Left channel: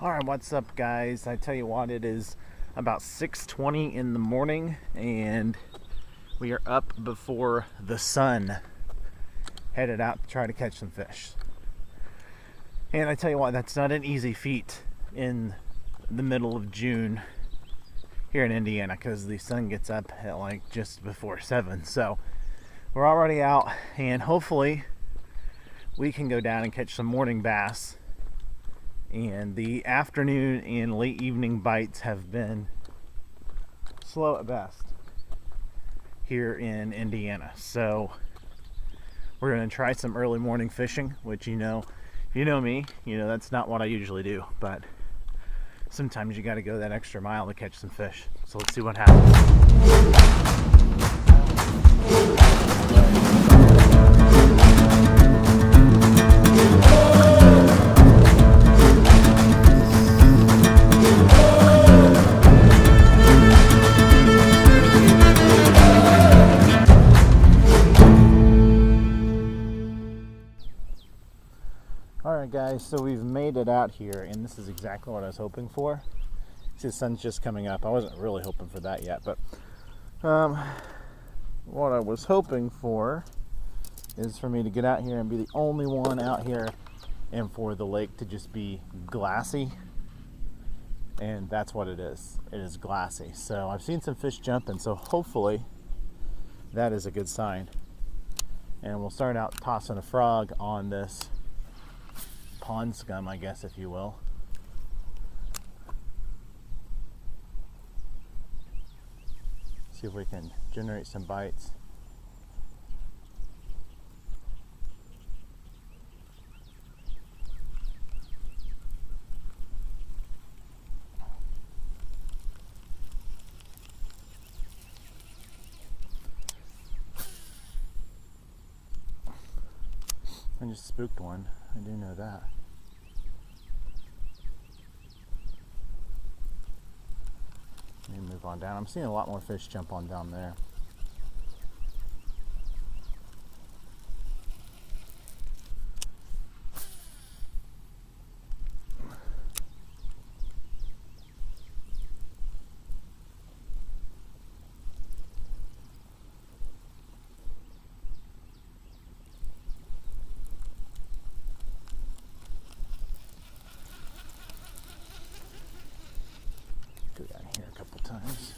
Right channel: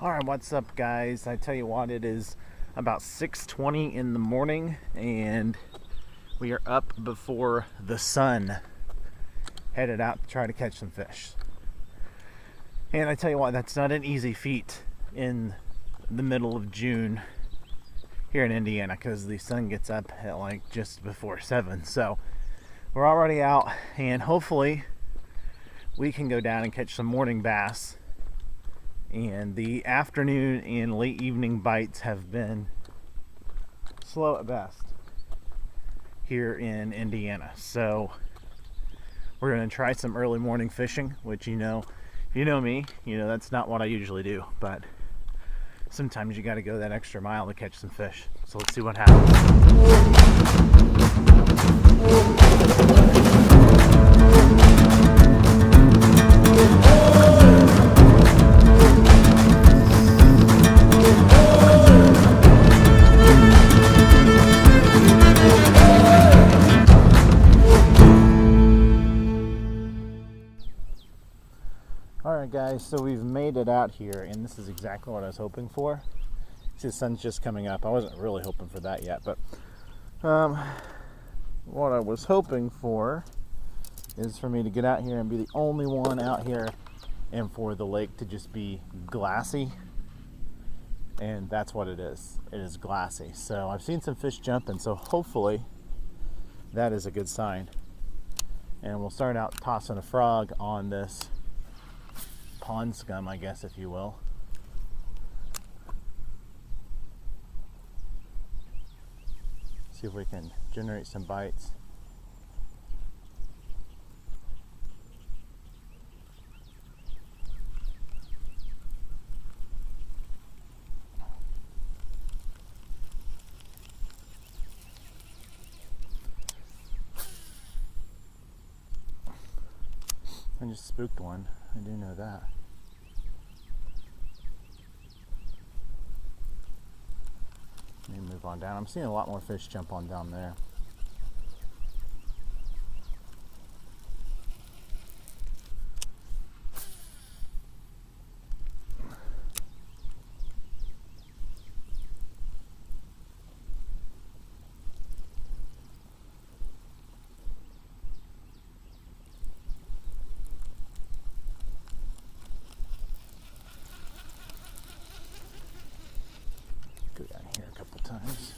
All right, what's up, guys? I tell you what, it is about 6:20 in the morning, and we are up before the sun, headed out to try to catch some fish. And I tell you what, that's not an easy feat in the middle of June here in Indiana, because the sun gets up at like just before 7. So we're already out, and hopefully we can go down and catch some morning bass. And the afternoon and late evening bites have been slow at best here in Indiana. So we're going to try some early morning fishing, which, if you know me, that's not what I usually do. But sometimes you got to go that extra mile to catch some fish. So let's see what happens. Alright guys, so we've made it out here, and this is exactly what I was hoping for. See, the sun's just coming up. I wasn't really hoping for that yet, but what I was hoping for is for me to get out here and be the only one out here, and for the lake to just be glassy. And that's what it is. It is glassy. So I've seen some fish jumping, so hopefully that is a good sign. And we'll start out tossing a frog on this pond scum, I guess, if you will. See if we can generate some bites. I just spooked one. I do know that. Let me move on down. I'm seeing a lot more fish jump on down there. Go down here a couple times.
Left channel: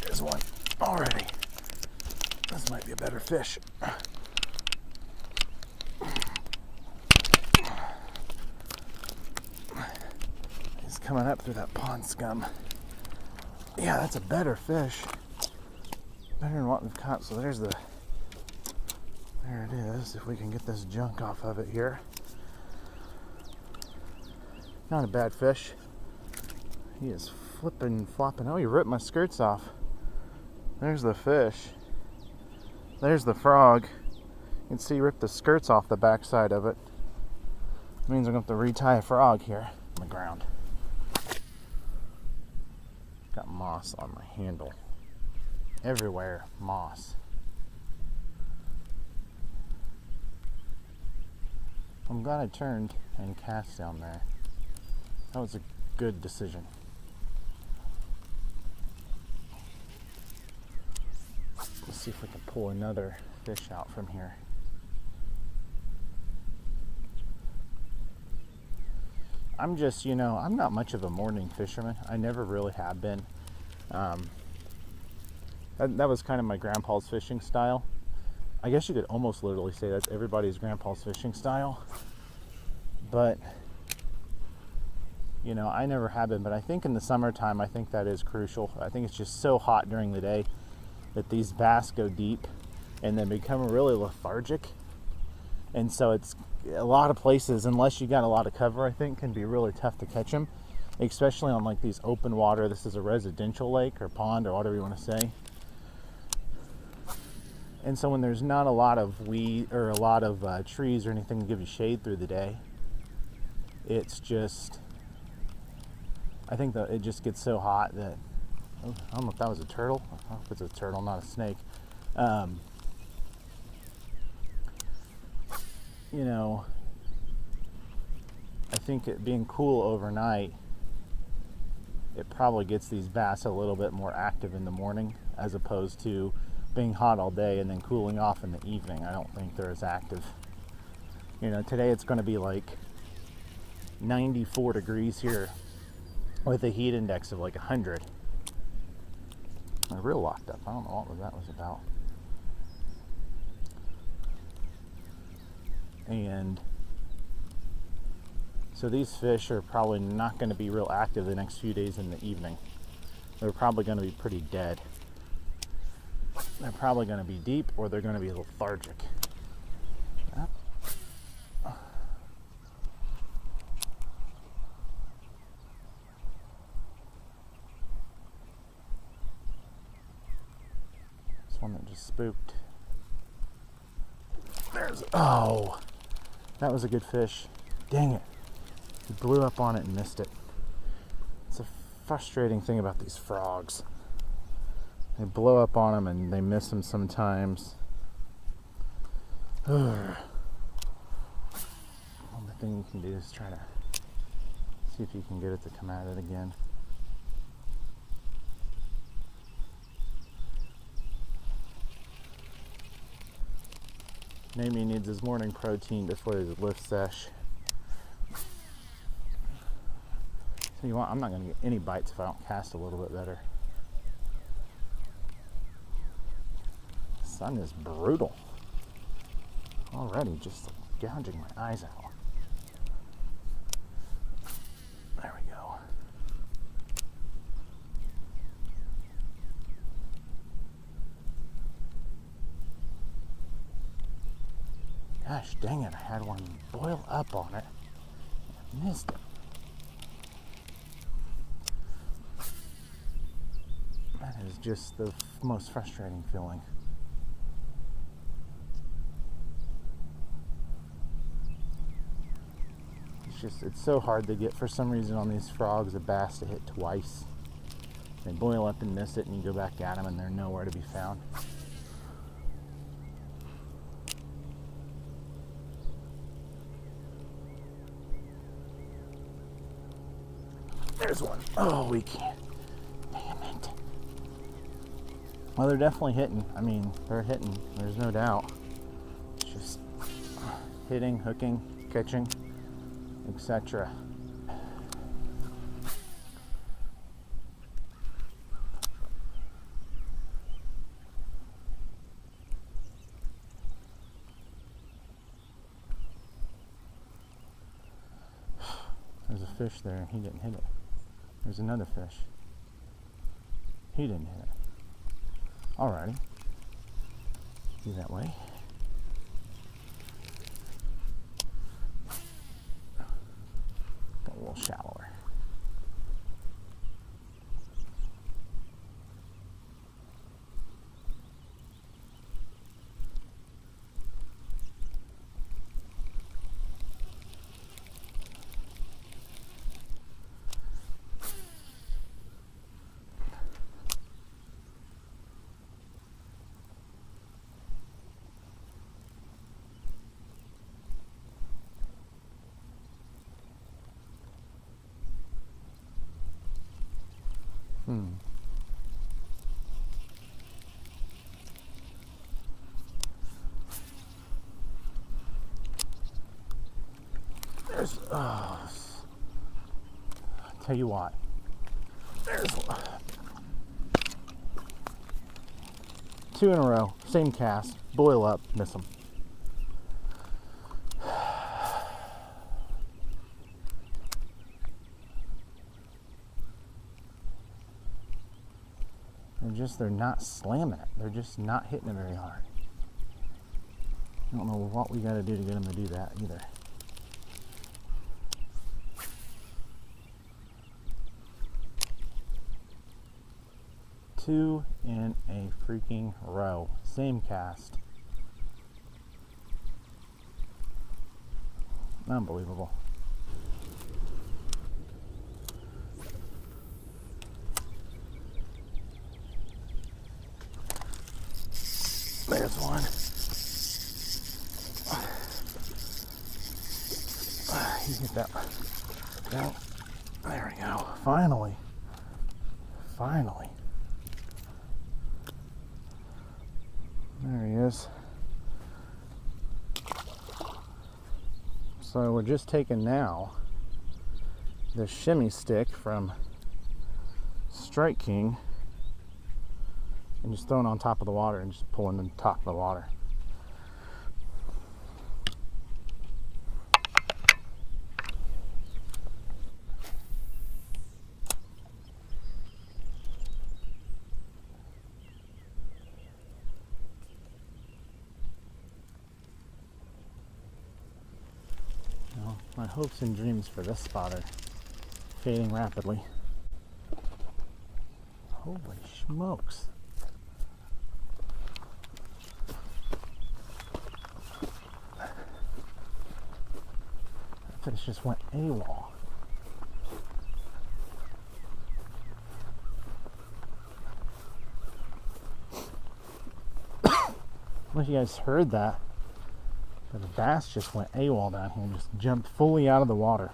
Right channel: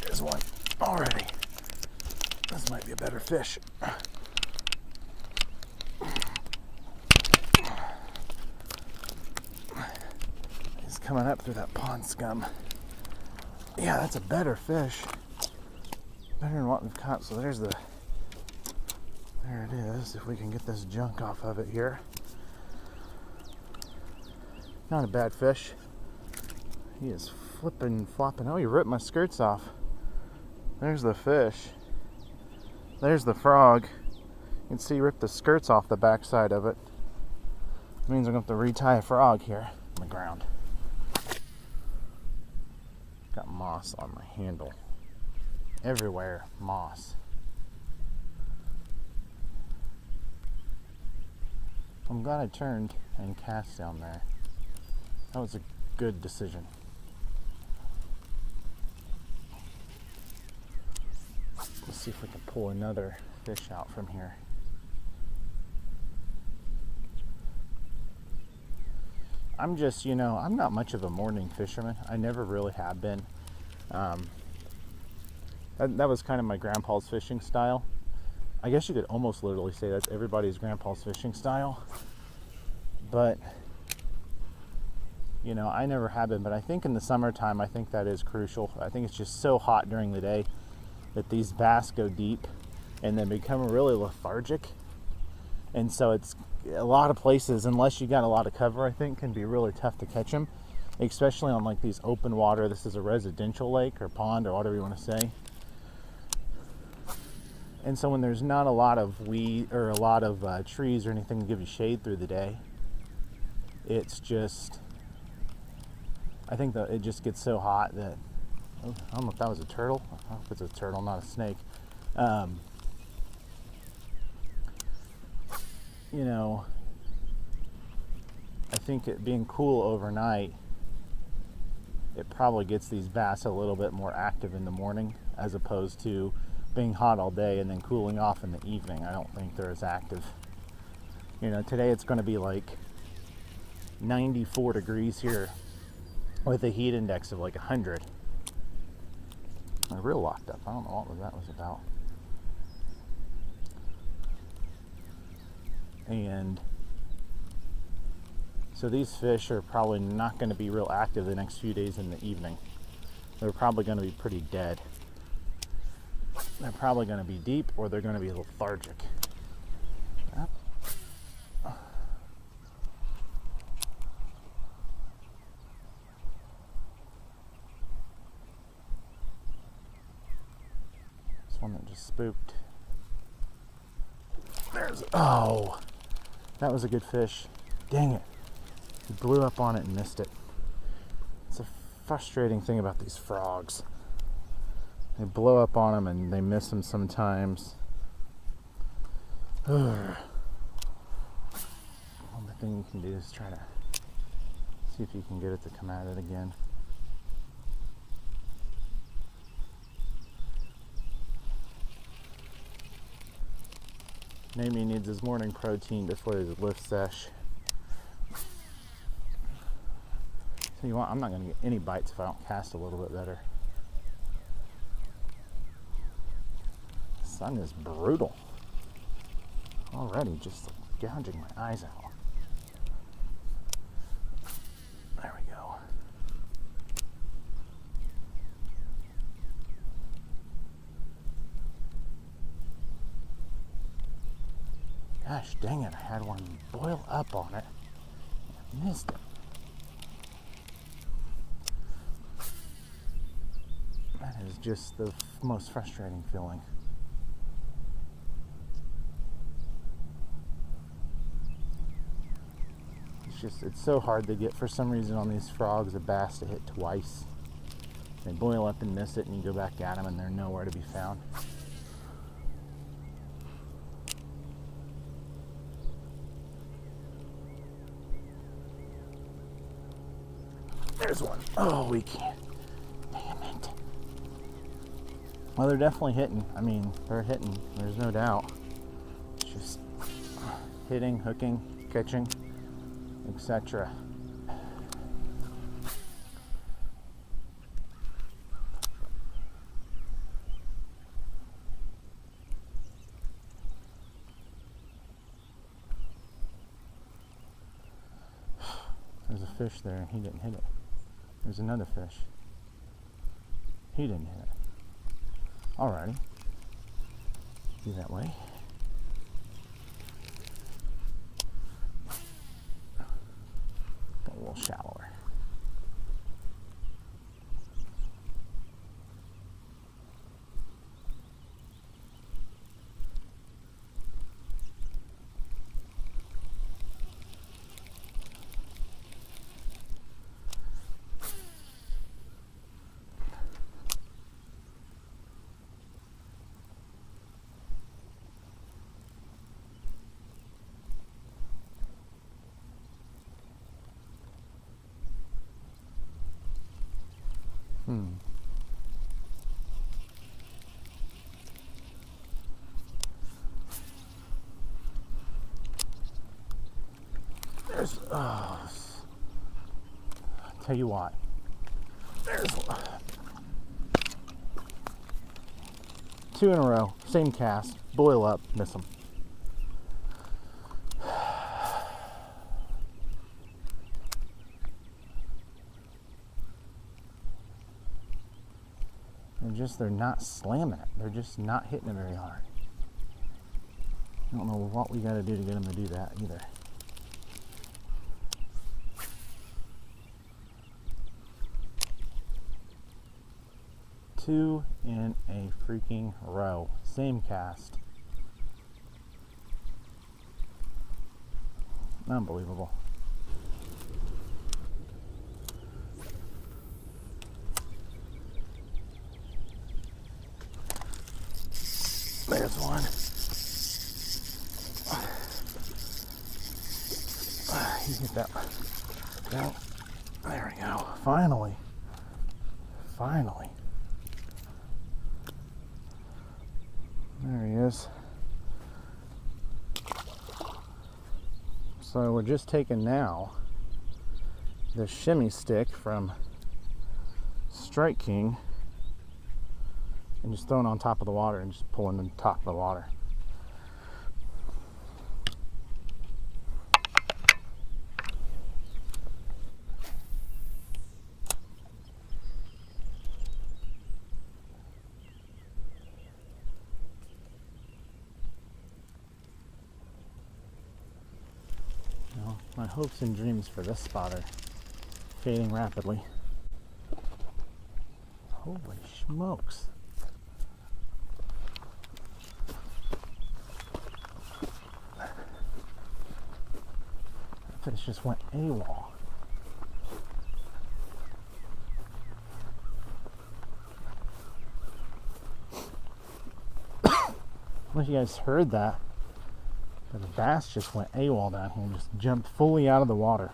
There's one already. This might be a better fish. He's coming up through that pond scum. Yeah, that's a better fish. Better than what we've caught. So there it is, if we can get this junk off of it here. Not a bad fish. He is flipping, flopping. Oh, he ripped my skirts off. There's the fish. There's the frog. You can see he ripped the skirts off the backside of it. It means I'm going to have to retie a frog here on the ground. Got moss on my handle. Everywhere, moss. I'm glad I turned and cast down there. That was a good decision. Let's see if we can pull another fish out from here. I'm just, I'm not much of a morning fisherman. I never really have been. That was kind of my grandpa's fishing style. I guess you could almost literally say that's everybody's grandpa's fishing style. But, I never have been. But I think in the summertime, I think that is crucial. I think it's just so hot during the day that these bass go deep and then become really lethargic. And so it's a lot of places, unless you got a lot of cover, I think can be really tough to catch them. Especially on like these open water. This is a residential lake or pond or whatever you want to say. And so when there's not a lot of weed or a lot of trees or anything to give you shade through the day, it's just, I think that it just gets so hot that, I don't know if that was a turtle. I hope it's a turtle, not a snake. you know, I think it being cool overnight, it probably gets these bass a little bit more active in the morning as opposed to being hot all day and then cooling off in the evening. I don't think they're as active. You know, today it's going to be like 94 degrees here with a heat index of like 100. My reel locked up. I don't know what that was about. And so these fish are probably not going to be real active the next few days in the evening. They're probably going to be pretty dead. They're probably going to be deep, or they're going to be lethargic. Yep. This one that just spooked. Oh, that was a good fish. Dang it. He blew up on it and missed it. It's a frustrating thing about these frogs. They blow up on them and they miss them sometimes. Only thing you can do is try to see if you can get it to come at it again. Maybe he needs his morning protein before his lift sesh. So you want, I'm not going to get any bites if I don't cast a little bit better. The sun is brutal. Already just gouging my eyes out. There we go. Gosh dang it, I had one boil up on it. I missed it. That is just the most frustrating feeling. It's so hard to get, for some reason, on these frogs, a bass to hit twice. They boil up and miss it, and you go back at them and they're nowhere to be found. There's one. Oh, we can't. Damn it. Well, they're definitely hitting. I mean, they're hitting. There's no doubt. It's just hitting, hooking, catching, etc. There's a fish there and he didn't hit it. There's another fish. He didn't hit it. Alrighty. Do that way. Go a little shallower. There's, I'll tell you what, there's two in a row, same cast, boil up, miss them. They're not slamming it. They're just not hitting it very hard. I don't know what we got to do to get them to do that either. Two in a freaking row. Same cast. Unbelievable. There's one. step. Down. There we go. Finally. Finally. There he is. So we're just taking now the Shim-E-Stick from Strike King and just throwing it on top of the water and just pulling the top of the water. Well, my hopes and dreams for this spot are fading rapidly. Holy smokes. That fish just went AWOL. I don't know if you guys heard that, but the bass just went AWOL down here and just jumped fully out of the water.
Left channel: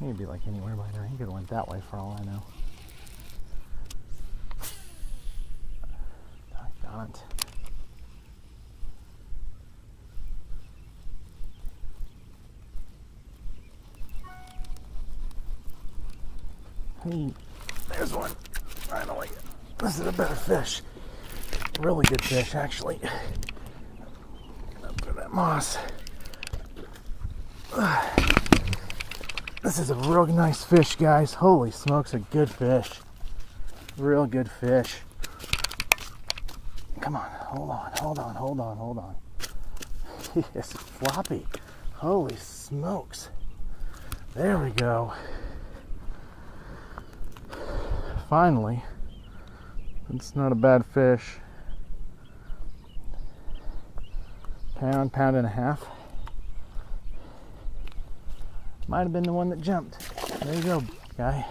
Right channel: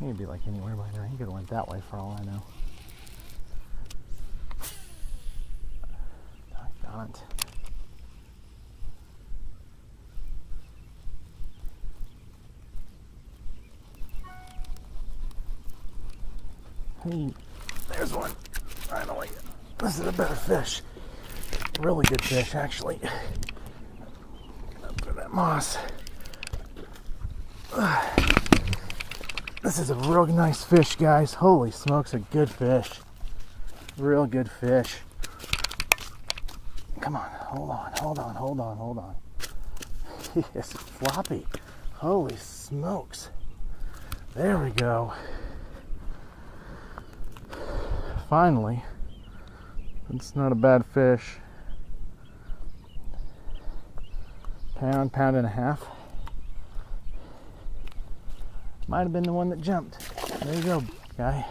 He'd be like anywhere by now. He could have went that way for all I know. Doggone it. Hey, there's one. Finally. This is a better fish. Really good fish, actually. Up to that moss. This is a real nice fish, guys. Holy smokes, a good fish. Real good fish. Come on, hold on. He is floppy. Holy smokes. There we go. Finally. It's not a bad fish. Pound and a half. Might have been the one that jumped. There you go, guy.